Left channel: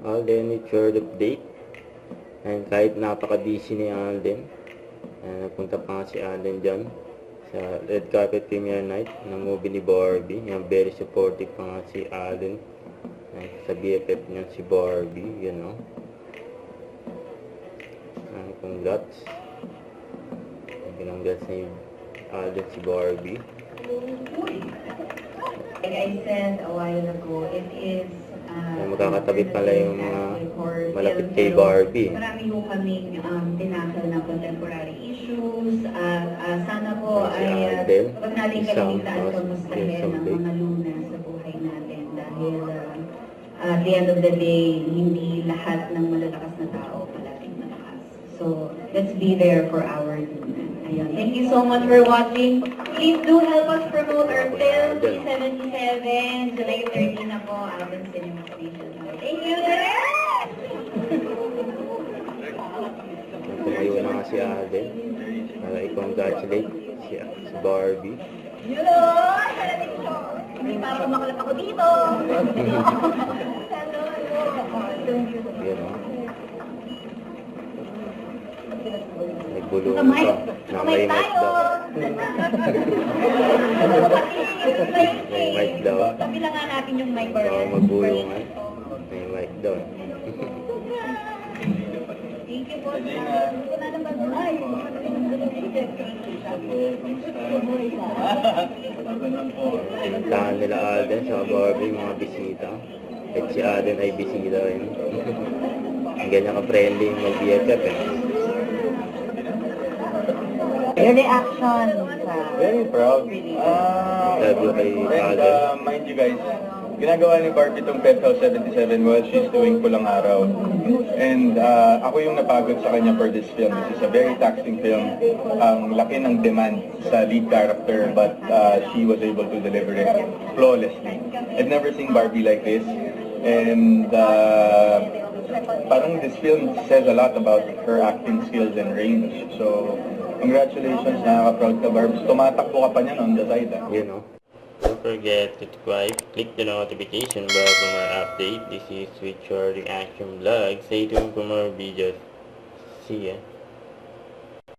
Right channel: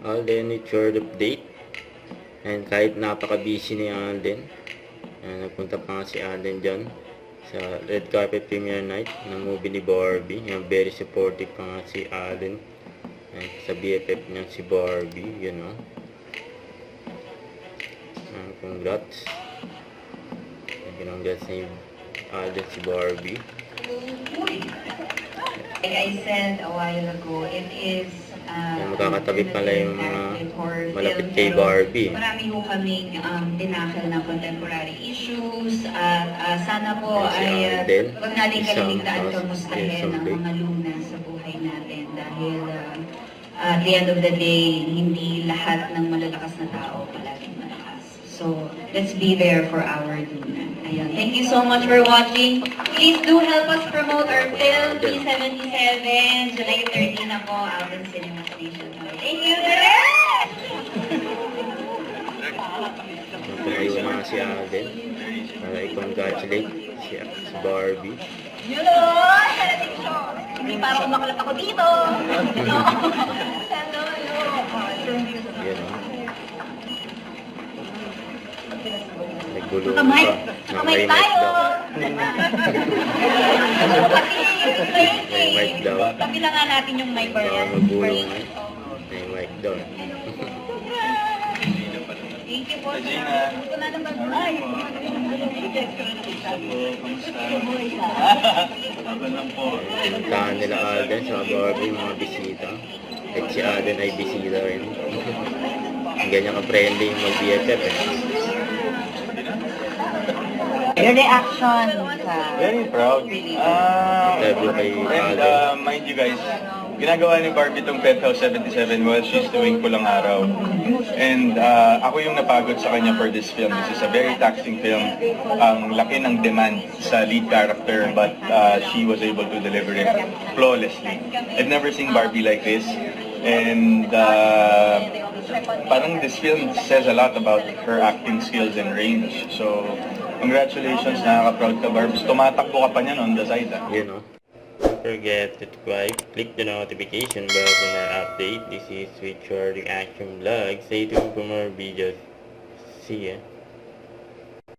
Alden with short update. And kahit napaka-busy ni Alden, nagpunta pa nga si Alden dyan sa red carpet premiere night ng movie ni Barbie. Very supportive pa nga si Alden sa BFF niya si Barbie, yun o. Congrats. Congrats ni Alden si Barbie. Like I said a while ago, it is magkakatabi pala yung malapit kay Barbie. Marami ho kaming tinakil na contemporary issues at sana po ay huwag natin kaliligtaan kamustahin ang mga luna sa buhay natin dahil at the end of the day, hindi lahat ng malalakas na tao palaging malakas. So, let's be there for our luna. Ayun. Thank you so much for watching. Please do help us promote our film, P77, July 30 na po, out in Cinema Station. Thank you! Tumayo na si Alden. I-congratulate si Barbie. Hello! Hindi pa ako makalap ako dito! Hello! Yan o. Naggulo pa. Kamay May mic tayo! daw. May mic daw. Kabila nga natin yung mic or yan. Magulo nga. May mic daw. Thank you po. Gusto na ng bagay. Pinuntahan nila Alden sa Barbie, mga bisita. At si Alden ay bisita rin. Ang ganyan ka-friendly yung mag-BFF eh. Your reaction sa... Very proud. Interview kay And Alden. mind you guys, ginagawa ni Barbie itong Penthouse 77 while she's doing Pulang Araw. And ako yung napagod sa kanya for this film. This is a very taxing film. Ang laki ng demand sa lead character but she was able to deliver it flawlessly. I've never seen Barbie like this. And parang this film says a lot about her acting skills and range. So, congratulations, nakaka-proud ka, Barbs. Tumatakbo ka pa niyan on the side, ah. You know. Don't forget to subscribe, click the notification bell for more update. This is Sweet Short Reaction Vlog. Stay tuned for more videos. See ya.